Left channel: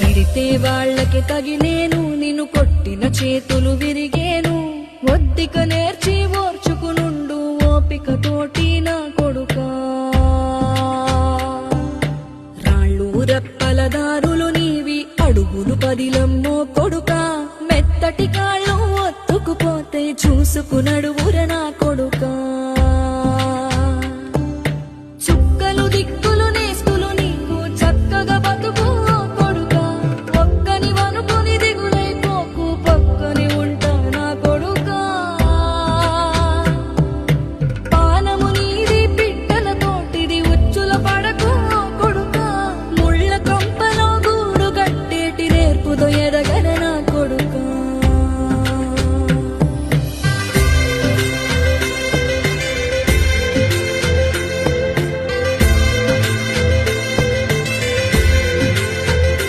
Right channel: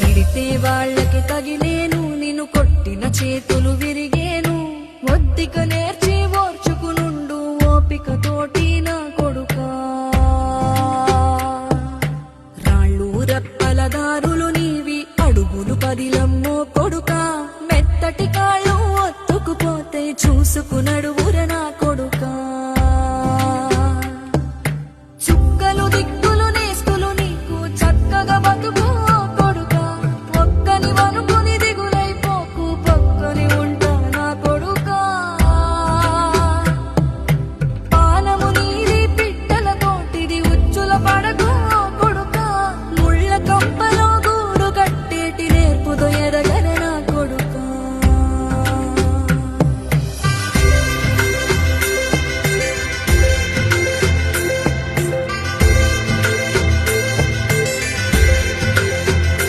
తిడితే వాళ్ళకి తగిలేను, నిన్ను కొట్టిన చేతులు విరిగేను. ఒద్దిక నేర్చి ఓర్చుకునుండు ఓపిక తోటి నా కొడుకా. రాళ్ళు రెప్పల దారులు నీవి, అడుగులు పదిలమ్మో కొడుకా. మెత్తటి కాళ్ళు ఒత్తుకుపోతే చూసుకునడువుర నా కొడుకా. చుక్కలు దిక్కులు నేస్తులు నీకు చక్కగా బతుకు కొడుకా. ఒక్కని వనుకుని దిగులైపోకు, పక్కని ఉంటా నా కొడుకా. పానము నీది పిట్టల తోటిది, ఉచ్చుల పడకు కొడుకా. ముళ్ళ కంపలో గూడు కట్టేటి నేర్పుతో ఎదగర